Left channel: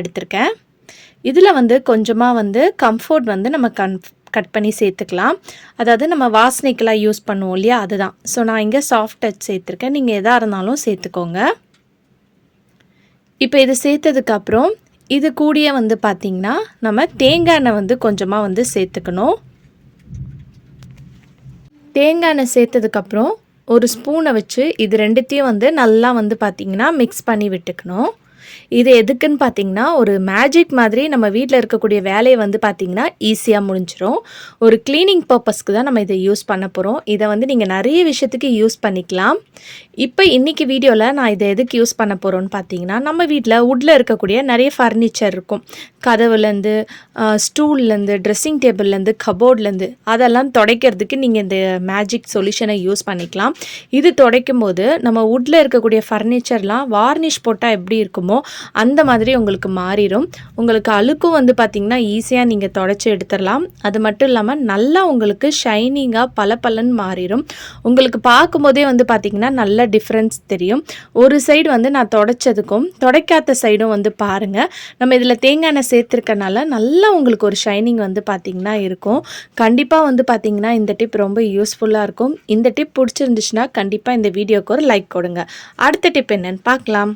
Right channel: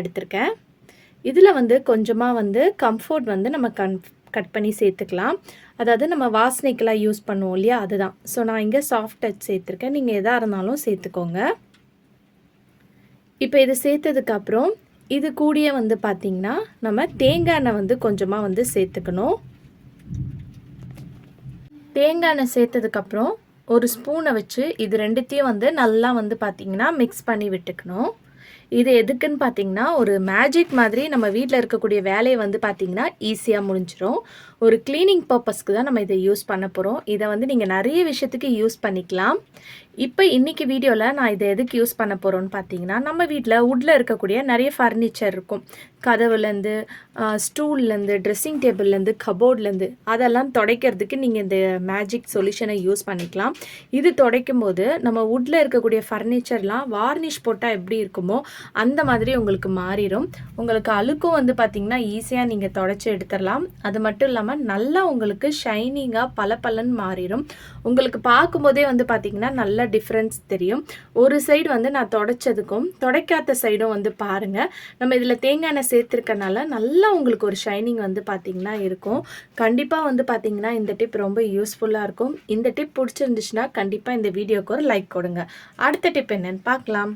எடுத்திருக்கேன். இதில் வந்து கொஞ்சமாக வந்து கம்ஃபோர்ட் வந்து நம்ம கட் பண்ணி சேர்த்துக்கலாம். அதாவது நம்ம வாசனைக்கெல்லாம் யூஸ் பண்ணுவோம் இல்லையா, அதுதான். ஸோ நான் இங்கே சாஃப்ட் டச் சேர்த்துருக்கேன். நீங்கள் எதாக இருந்தாலும் சேர்த்துக்கோங்க. இப்போ இது சேர்த்ததுக்கப்புறம் இது கூடயே வந்து பார்த்திங்கன்னா நம்ம தேங்காய் எண்ணெய் வந்து கொஞ்சமாக வந்து சேர்த்துக்கணும். தேங்காய் எண்ணெய் சேர்த்ததுக்கப்புறம் ஒரு ஸ்பூனை வச்சு இது ரெண்டுத்தையும் வந்து நல்லா வந்து பார்த்திங்கன்னா மிக்ஸ் பண்ணி விட்டுக்கணும். இது எதுக்குன்னு பார்த்தீங்கன்னா, ஒரு மேஜிக் மாதிரி நம்ம வீட்டில் இருக்கக்கூடிய வேலையை வந்து பார்த்திங்கன்னா ஈஸியாக முடிஞ்சிடும். ஒரு க்ளீனிங் பர்பஸ்க்கு தான் நம்ம இதை யூஸ் பண்ண போகிறோம். இதை வந்து நீங்கள் நிறைய விஷயத்துக்கு யூஸ் பண்ணிக்கலாம். இப்போ இன்றைக்கி வீடியோவில் நான் இதை எதுக்கு யூஸ் பண்ண போகிறோன்னு பார்த்தீங்கன்னா, நம்ம வீட்டில் வுட்டில் இருக்கக்கூடிய நிறைய ஃபர்னிச்சர் இருக்கும். கதவுலேருந்து, ஸ்டூல்லேருந்து, ட்ரெஸ்ஸிங் டேபிள்லேருந்து, கபோர்ட்லேருந்து அதெல்லாம் துடைக்கிறதுக்கு நீங்கள் இந்த மேஜிக் சொல்யூஷனை யூஸ் பண்ணிக்கலாம். இது துடைக்கும் போது நம்ம வுட்டில் இருக்கக்கூடிய ஃபர்னிச்சர்லாம் வார்னிஷ் போட்டால் எப்படி இருக்குமோ அந்த மாதிரி உங்களுக்கு மாறிடும். உங்களுக்கு அழுக்கும் வந்து பார்த்திங்கன்னா ஈஸியாக நீங்கள் துடைச்சி எடுத்துடலாம். அது மட்டும் இல்லாமல் நல்லா உங்களுக்கு ஷைனிங்காக பளபளன்னு மாறிடும். உங்களுக்கு பார்க்கும்போதே வந்து பார்த்திங்கன்னா நல்ல டிஃப்ரென்ஸ் தெரியும். ஒரு சைடு வந்து நான் துடைச்சதுக்கும் துடைக்காத சைடும் வந்து பாருங்கள். நம்ம இதில் தேங்காய் எண்ணெய் சேர்த்துருக்கனால நல்லா உங்களுக்கு ஒரு ஷைனிங் வந்து பார்த்திங்கன்னா இருக்கும். கண்டிப்பாக வந்து பார்த்திங்கன்னா இந்த டிப் ரொம்ப யூஸ்ஃபுல்லாக இருக்கும். இந்த டிப் பிடிச்சிருந்துச்சுன்னா கண்டிப்பாக இந்த வீடியோக்கு ஒரு லைக் கொடுங்க. அடுத்த டிப் என்னன்னு பார்க்கலாம்.